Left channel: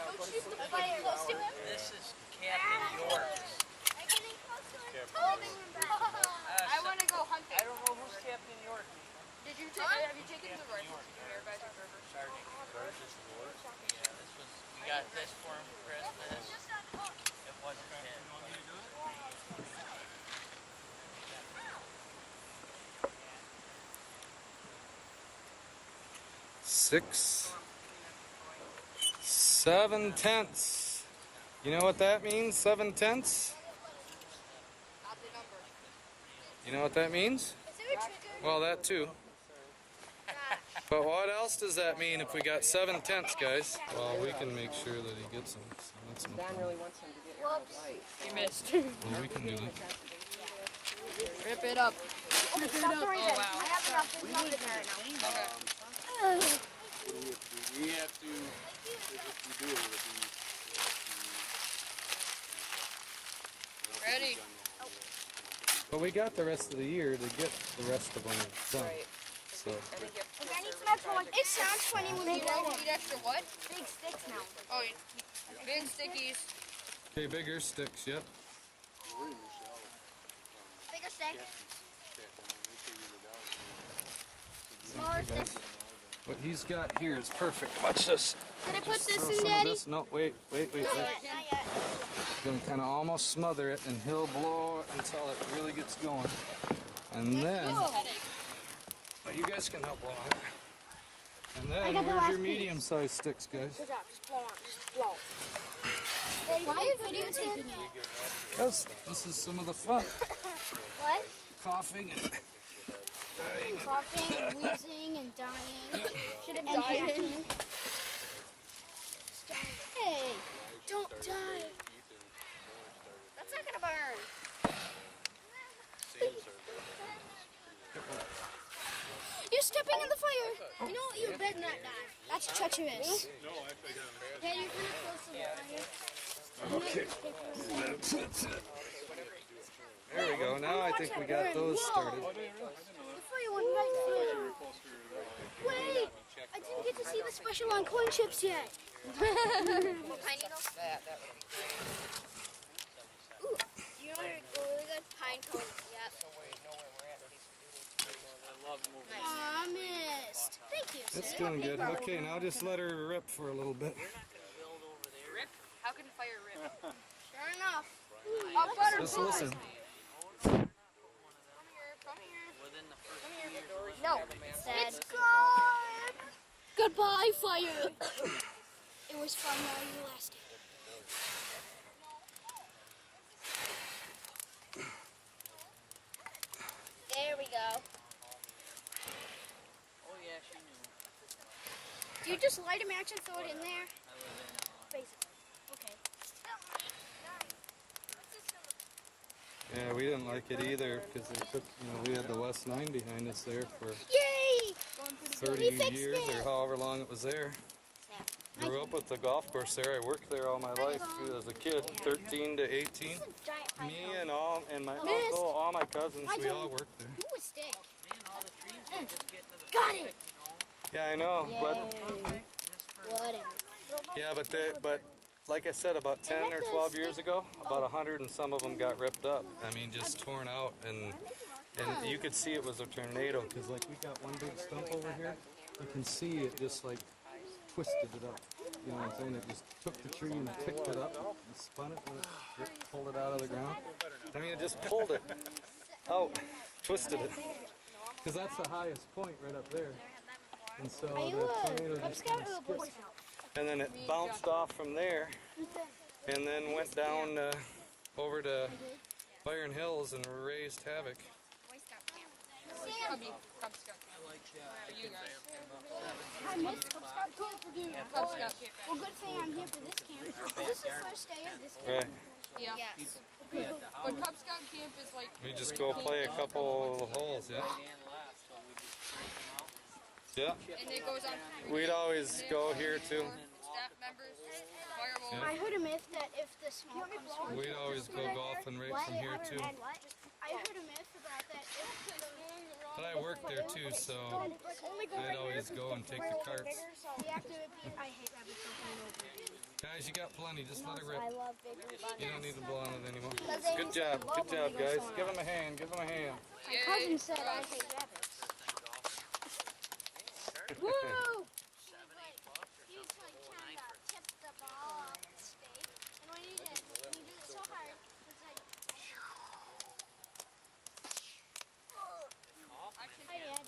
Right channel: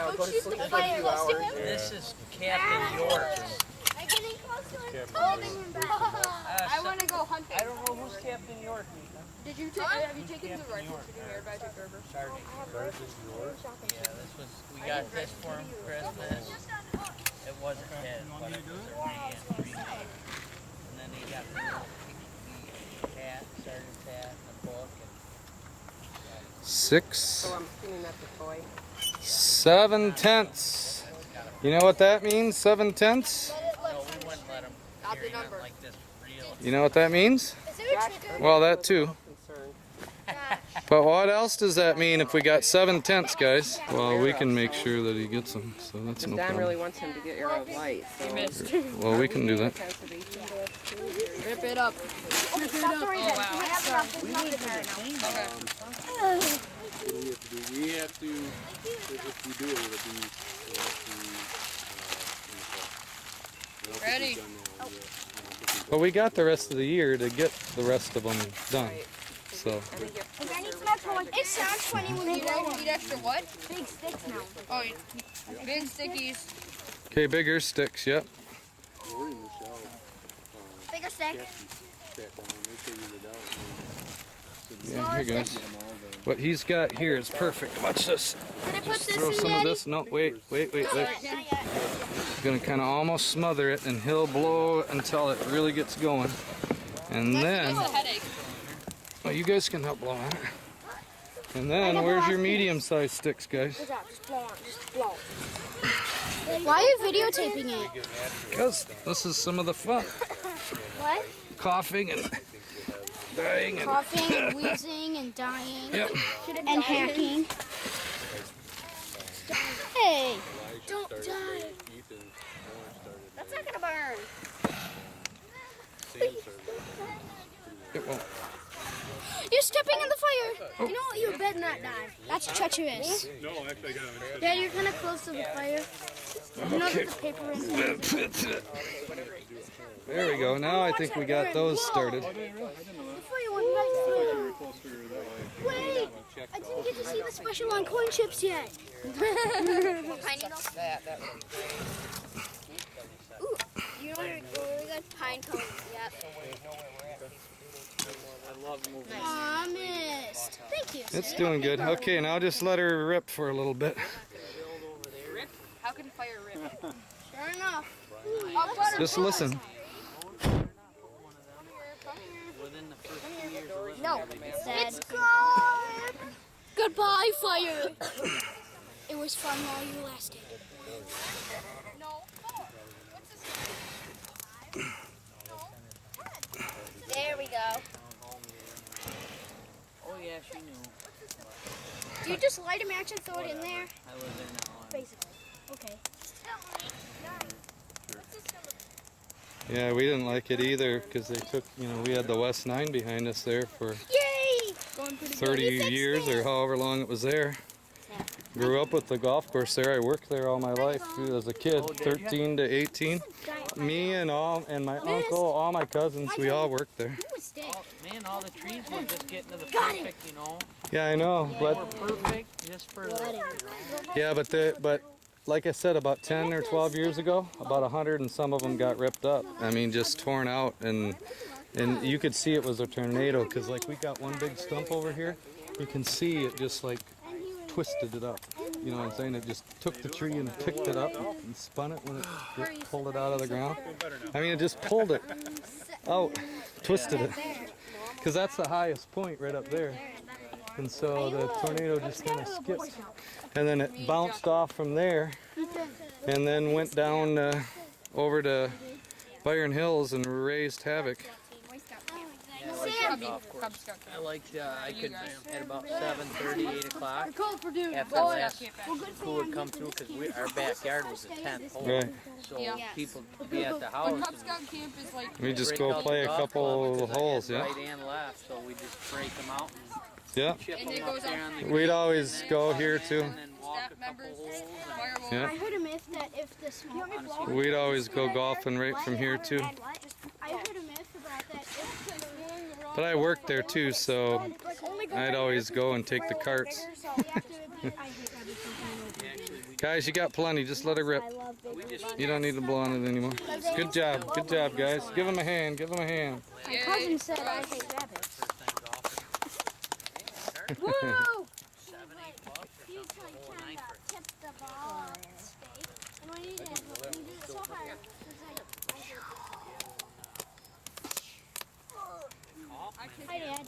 now. Go to sleep for a few hours. This is Captain York. I'm getting close to him, holding him back. I want to go hunting. I don't know who's Captain York, Mika. Did you take? Have you taken the rifle to your hair by the Gerber? Sergeant York. Yeah, this was. We got this for him for Christmas. It wasn't his, but it was a pre-made. And then he got the hat, Sergeant's hat, a book. 6, So I'm assuming that's a toy. 7/10. You know what that means? 7/10. No, we wouldn't let him Not the carry number. nothing like this for real. You know what that means? Is there a trigger? Well, that too. Concerned. But what else does that mean if we got 7/10, guys? Well, we can make sure that he gets them, so that's no Don really problem. wants him to get arrow of light. So. You missed. Well, we can do that. Rip it up. Rip it up. Oh wow. I have enough. There's nothing there now. Okay. We have to, if we do it, it'll be, Ready. But we got the rest of the year to get the rest of them done. Right. So, I think you have to Okay, I need some extra ones. It sounds funny when you roll them. Need extra what? Big sticks now. Oh, big stickies. okay, bigger sticks, yep. Bigger stick. Yeah, Smaller here you go. sticks. What he's got here is perfect. Watch this. Can I put this Throw in, some of Daddy? this. No, wait. Not yet. He's gonna kind of almost smother it, and he'll blow until it really gets going. And then, It's a headache. well, you guys can help blow on it. And I then, got the where's last your piece. medium-sized sticks, guys? Good job. Just blow on. Just blow. Why are you videotaping it? Because this is some of the fun. What? Coughing and dying. And, Coughing and wheezing and dying. yep. And hacking. Hey! Don't die. That's not gonna burn. It won't. You're stepping in the fire. You know what? You better not die. That's treacherous. No, actually I got him. Yeah, you're kind of close to the fire. You know, put the paper in there. There we go. Now I think we got those started. The fire went right through. Wait! I didn't get to see the special on corn chips yet. Ooh, you know what really good? Pine cones, yep. I love moving. Aw, missed. Thank you. It's doing good. Okay, now just let her rip for a little bit. Rip? How can fire rip? Sure enough. I'll butter. Just listen. Come here. Within the first 2 years of living No, there, it's gone. Goodbye, fire. It was fun while you lasted. There we go. oh yeah, she knew. Do you just light a match and throw it in there? I live in Illinois. Basically. Okay. Yeah, we didn't like it either because they took, we had the West 9 behind us there for Yay! Going pretty good. 30 He fixed years or it. however long it was there. Yeah. Grew up with the golf course there. I worked there all my life too, as a kid, 13 to 18. Giant Me pine and my Miss. uncle, all my cousins, we all worked there. cone. Ooh, a stick. Man, all the trees were just getting to the Got it. perfect, you know. Yeah, I know. But Perfect, just for yeah, but like I said, about 10 or 12 years ago, about 100 and some of them got ripped up. I mean, just torn out, and you could see it was a tornado because like we got one big stump over here. You can see it just like twisted it up. You know what I'm saying? It just took the tree and picked it up and spun it and it pulled it out of the ground. I mean, it just pulled it out, twisted it. Because that's the highest point right up there. And so the tornado just kind of skipped. And then it bounced off from there and then went down over to Byron Hills and raised havoc. Cub Scout camp. I liked, I could, at about 7:30, 8 o'clock, after Cub that, Scout camp. Well, good school thing would I'm come getting through this because camp. our backyard was the 10th hole. Yeah. So Yeah. people would be at the house. But Cub Scout camp is like. We just break go out play a the golf couple clubs, 'cause I had holes, yeah. Right and left, so we just break them out and Yeah. chip And them it up goes there on on the We'd green, always and then go come here in too. and then walk Staff a couple members, holes. fireworks. Yeah. I heard a myth that if the smoke We'd always go golfing right from here too. I heard a myth about that if But I worked there too, so I'd always go and take the carts. so we have to be, I hate everything. Actually, we Guys, you got plenty. Just let it rip. I love big You don't need to blow on it anymore. Good job. Good job, guys. Give them a hand. Give them a hand. My cousin said I hate rabbits. Woo! He was like trying to tip the ball straight. And when he did it so hard, it was like, Hi, Dad.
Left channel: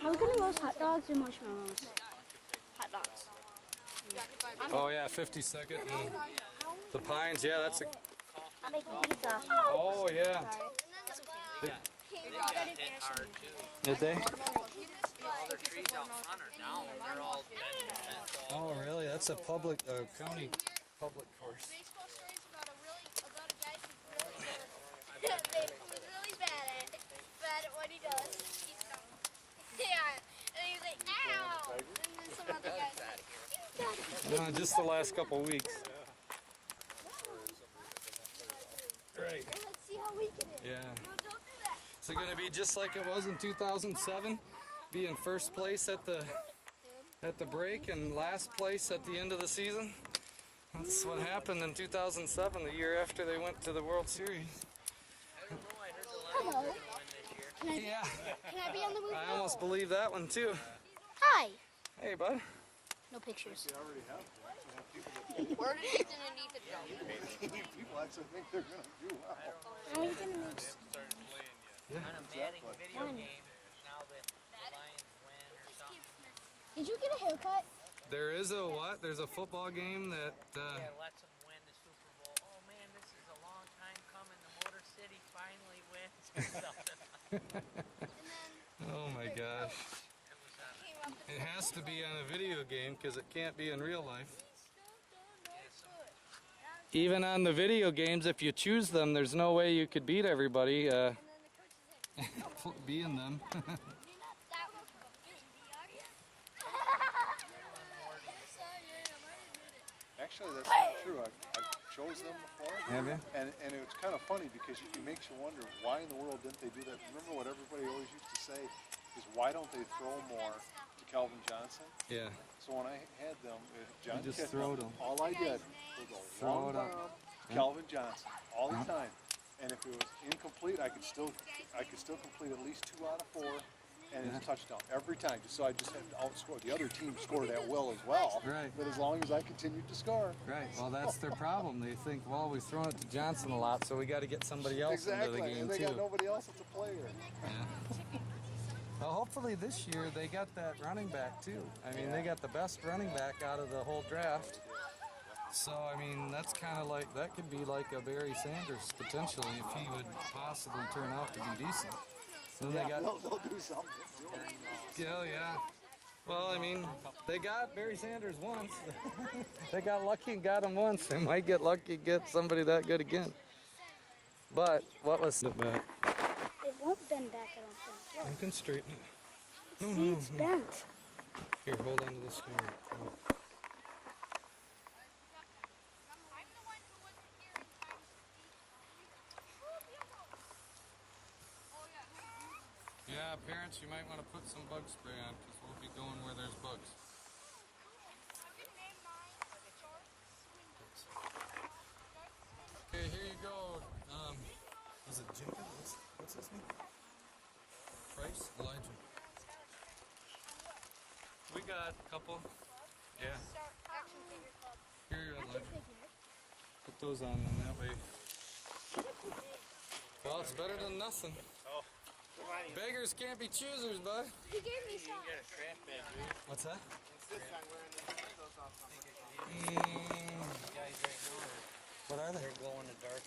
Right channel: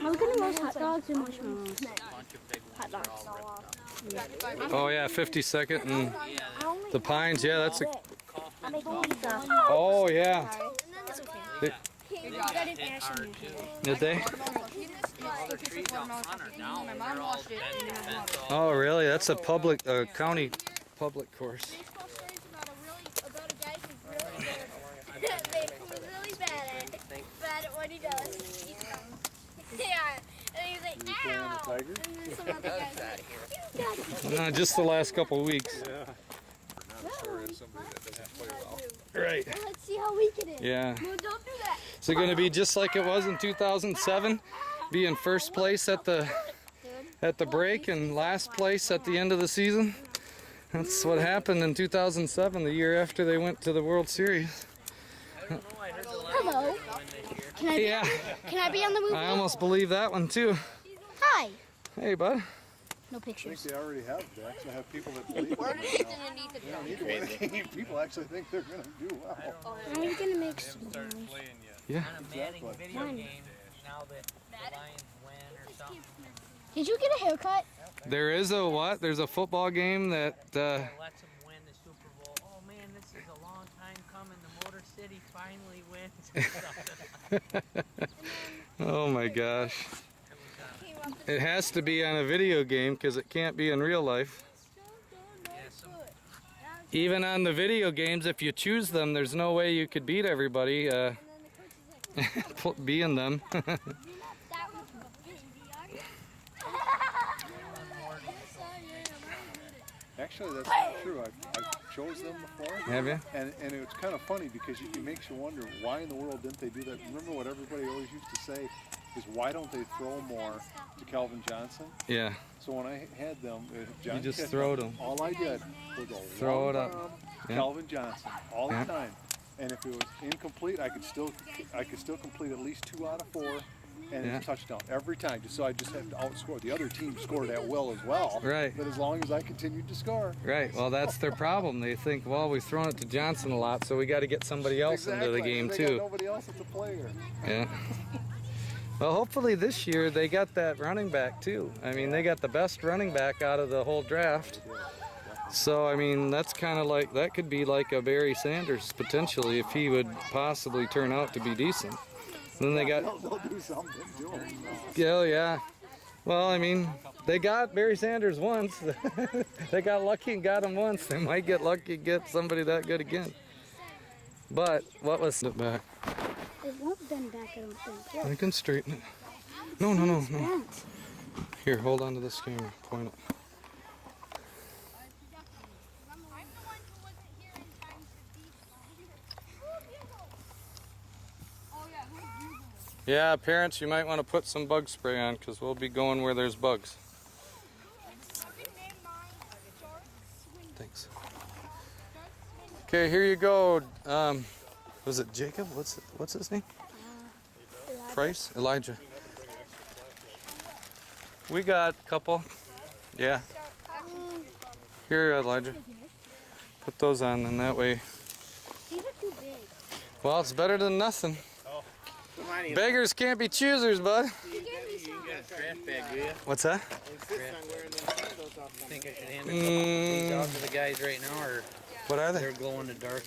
I was gonna roast hot dogs and marshmallows. Hot dogs. Oh, yeah, 52nd and the Pines. Yeah, that's a... I'm making pizza. Oh, yeah. It's okay. Did they? All the trees out front are down. They're all dead and fenced off. Oh, really? That's a public, county public course. Baseball stories about a guy who's really good. Who's really bad at what he does. Yeah, and he's like, ow! And then some other guy's like, Just the last couple of weeks. Right. well, let's see how weak it is. Yeah. No, don't do that. Is it going to be just like it was in 2007? Be in first place at the break and last place at the end of the season? That's what happened in 2007, the year after they went to the World Series. Hello. Can I be on the movie? I almost believe that one too. Hi. Hey, bud. No pictures. They already have. They actually have people that believe Where did Ethan and Ethan go? people actually think they're going to do well. How are you gonna make some noise? Yeah. On a Manning video game, now that the Lions win or something. Did you get a haircut? There is a what? There's a football game that That lets them win the Super Bowl. Oh man, this is a long time coming. The Motor City finally wins or something. oh my gosh. It has to be on a video game because it can't be in real life. Even on the video games, if you choose them, there's no way you could beat everybody being them. Actually, that's not true. I've chose them before. Have you? And it's kind of funny because it makes you wonder why in the world didn't they do that? Remember what everybody always used to say is why don't they throw more to Calvin Johnson? Yeah. So when I had them, John You just Kiffin, throw them. all I did was a Throw long it up. bomb, Yeah. Calvin Johnson all Yeah. the time. And if it was incomplete, I could still complete at least 2 out of 4, and Yeah. it's a touchdown every time. So I just had to outscore. The other team scored at will as well. Right. But as long as I continued to score. Right. Well, that's their problem. They think, well, we've thrown it to Johnson a lot, so we got to get somebody else into the game They too. got nobody else that's a player. Yeah. Well, hopefully this year they got that running back too. I mean, they got the best running back out of the whole draft. So, I mean, that's kind of like, that could be like a Barry Sanders potentially if he would possibly turn out to be decent. Then they got, They'll do something to him. yeah. Well, I mean, they got Barry Sanders once. They got lucky and got him once. They might get lucky and get somebody that good again. But what was it back? It won't bend back, I don't think. I can straighten it. No. It's bent. Here, hold on to this camera. Point it. Yeah, parents, you might want to put some bug spray on because we'll be going where there's bugs. Thanks. Okay, here you go. Was it Jacob? What's his name? Price? Elijah. We got a couple. Yeah. Here, Elijah. Put those on, and that way. Well, it's better than nothing. Beggars can't be choosers, bud. You gave me some. You got a trash bag, do you? What's that? Think I should hand these out to the guys right now, or What are they? they're glow in the dark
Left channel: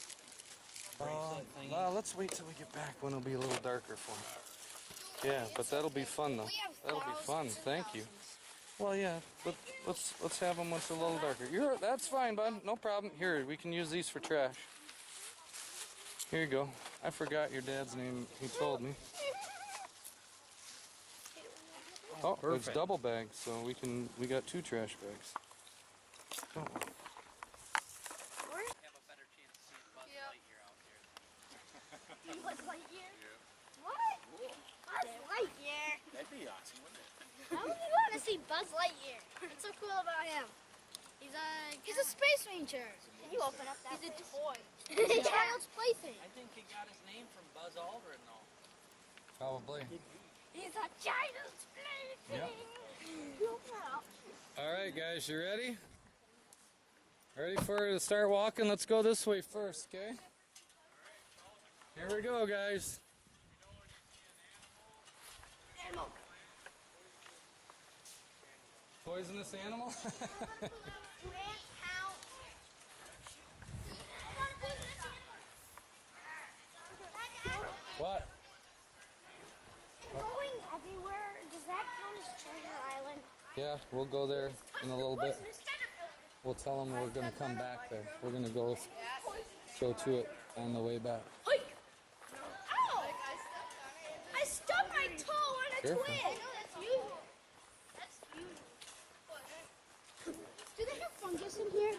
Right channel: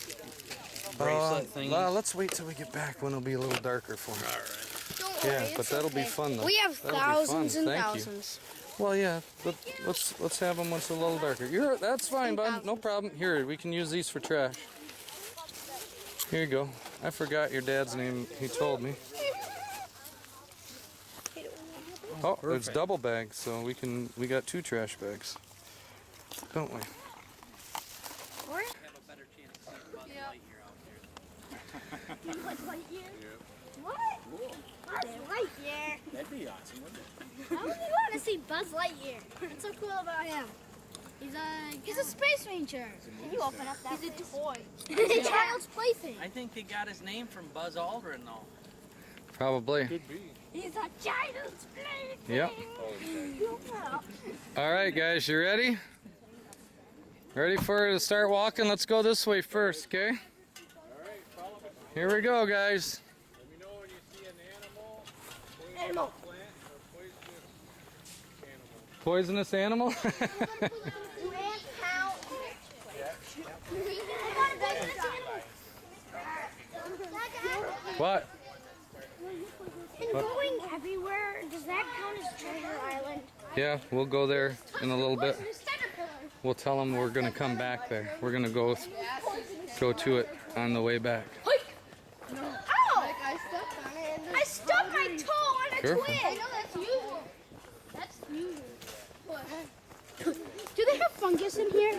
bracelet thingies? Well, let's wait till we get back when it'll be a little darker for me. Yeah, but that'll be fun though. We have That'll be thousands fun. and Thank you. thousands. Well, yeah, but let's have them when it's a little darker. That's fine, bud. No problem. Here, we can use these for trash. Here you go. I forgot your dad's name. He told me. Oh, there's double bags, so we got 2 trash bags, don't we? Have a better chance of seeing Buzz Lightyear out there. Buzz Lightyear? What? Buzz Lightyear? That'd be awesome, wouldn't it? I really want to see Buzz Lightyear. What's so cool about him? He's a space ranger. Can you open up that? He's a toy. He's a child's plaything. I think he got his name from Buzz Aldrin, though. Probably. Could be. He's a child's plaything. Yep. All right, guys, you ready? Ready for to start walking? Let's go this way first, okay? Here we go, guys. Let me know when you see an animal. Poisonous animal? What? And going everywhere, does that count as Treasure Island? Yeah, we'll go there in a little bit. We'll tell them we're going to come back there. We're going to go to it on the way back. Ow! I stuck my toe on a Careful. twig. I know that's usual. That's usual. Do they have fungus in here?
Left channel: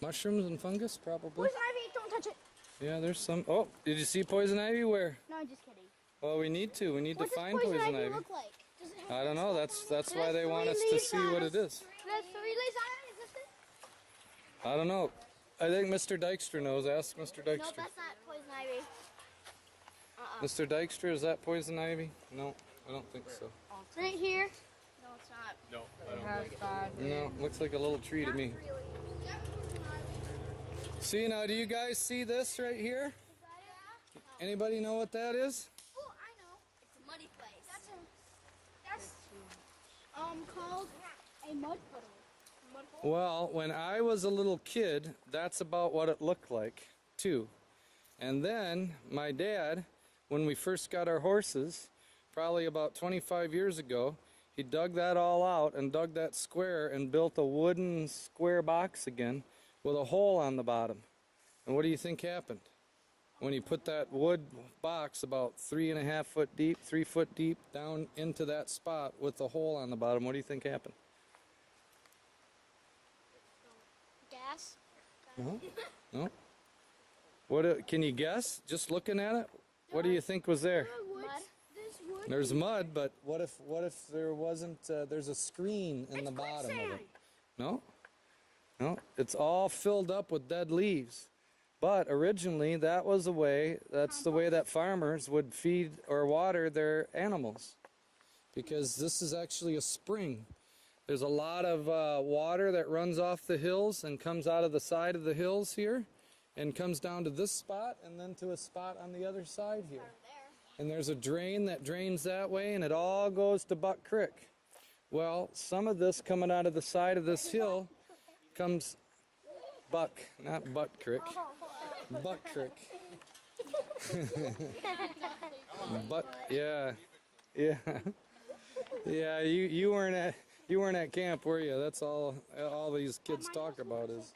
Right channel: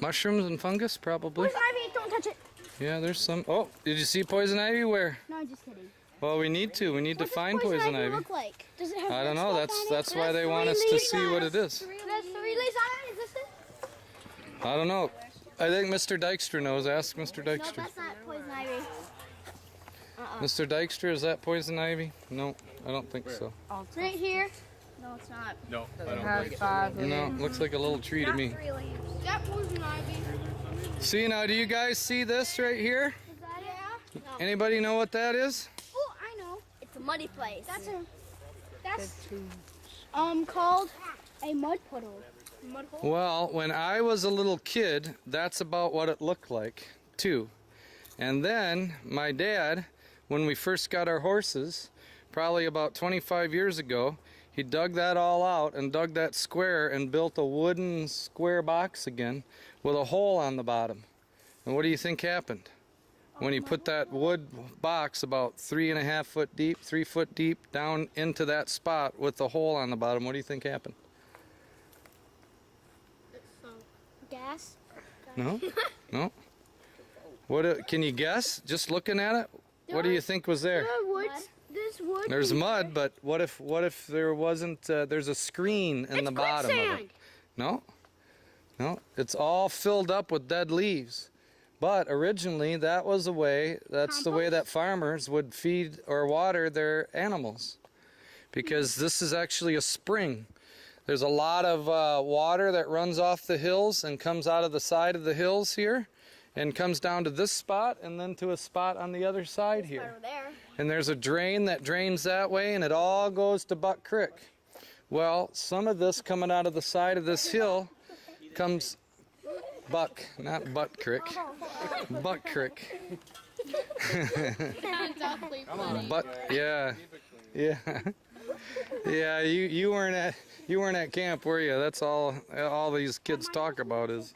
Mushrooms and fungus, probably. Where's Ivy? Don't touch it. Yeah, there's some. Oh, did you see poison ivy? Where? No, I'm just kidding. Well, we need to. We need What to does find poison ivy ivy. look like? Does it have I don't red know. stuff on it? That's why It they has want 3 us to leaves see on what it. it is. There's 3 leaves on it. Is this it? I don't know. I think Mr. Dykstra knows. Ask Mr. No, Dykstra. that's not poison ivy. Mr. Dykstra, is that poison ivy? No, I don't think so. It's right here. No, it's not. No, I It don't has think 5 leaves. No, looks like a little tree to me. Really. Is that poison ivy? See now, do you guys see this right here? Is that it? No. Anybody know what that is? Oh, I know. It's a muddy place. That's called a mud puddle. Mud hole. Well, when I was a little kid, that's about what it looked like, too. And then my dad, when we first got our horses, probably about 25 years ago, he dug that all out and dug that square and built a wooden square box again with a hole on the bottom. And what do you think happened? When he put that wood box about 3.5 foot deep, 3 foot deep, down into that spot with the hole on the bottom, what do you think happened? Gas. No? No? What? Can you guess? Just looking at it? What do you think was there? There's wood. There's mud, but what if there wasn't, there's a screen in the bottom of it? No? No, it's all filled up with dead leaves. But originally that's the way that farmers would feed or water their animals. Because this is actually a spring. There's a lot of water that runs off the hills and comes out of the side of the hills here and comes down to this spot and then to a spot on the other side here. And there's a drain that drains that way and it all goes to Buck Creek. Well, some of this coming out of the side of this hill comes Buck, not Butt Creek. Buck Creek. But yeah. Yeah. Yeah, you weren't at camp, were you? That's all these kids talk about is.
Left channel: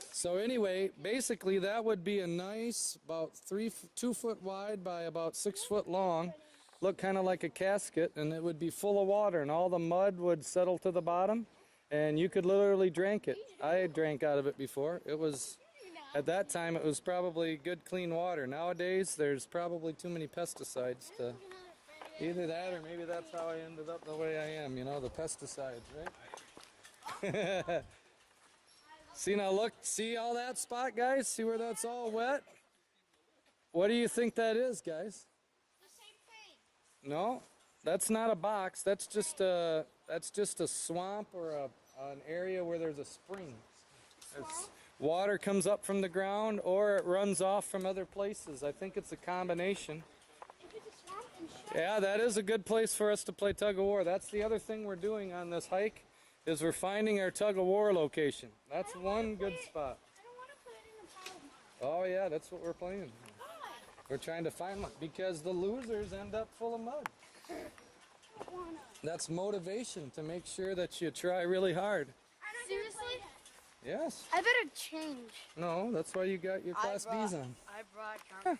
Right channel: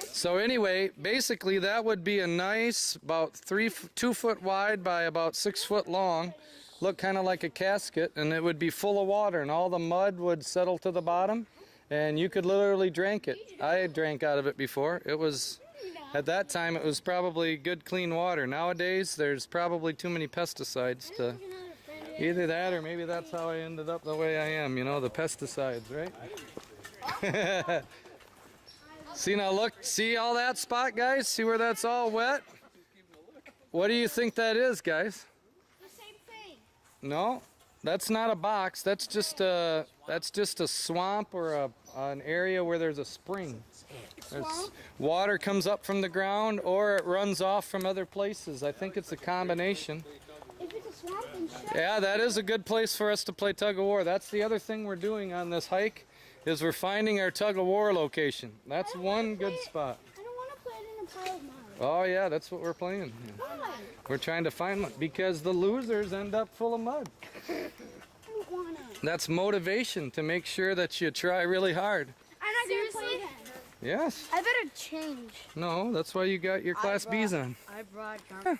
So anyway, basically that would be a nice about 2 foot wide by about 6 foot long, look kind of like a casket, and it would be full of water and all the mud would settle to the bottom and you could literally drink it. I drank out of it before. It was, at that time, it was probably good clean water. Nowadays there's probably too many pesticides to, either that or maybe that's how I ended up the way I am, you know, the pesticides, right? See now, look, see all that spot, guys? See where that's all wet? What do you think that is, guys? The same thing. No, that's not a box. That's just a swamp or an area where there's a spring. Water comes up from the ground or it runs off from other places. I think it's a combination. If it's a swamp, then shut. Yeah, that is a good place for us to play tug of war. That's the other thing we're doing on this hike, is we're finding our tug of war location. That's one good spot. I don't want to play it in a pile of mud. Oh yeah, that's what we're playing. Why? We're trying to find one because the losers end up full of mud. I don't want to. That's motivation to make sure that you try really hard. I'm not seriously. Yes. I better change. No, that's why you got your Class Bs on. I brought junk. I'm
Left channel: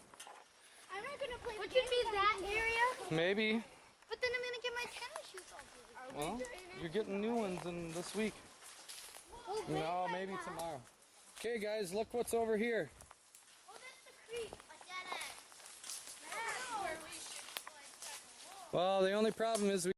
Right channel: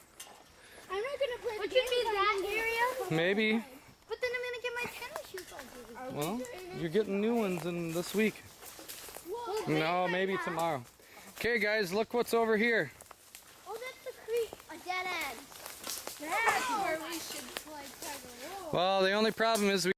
not gonna play. Would you be that area? Maybe. But then I'm gonna get my tennis shoes all dirty. Well, you're getting new ones in this week. No, maybe tomorrow. Okay, guys, look what's over here. Oh, that's a creek. A dead end. That's where we should play tug of war. Well, the only problem is we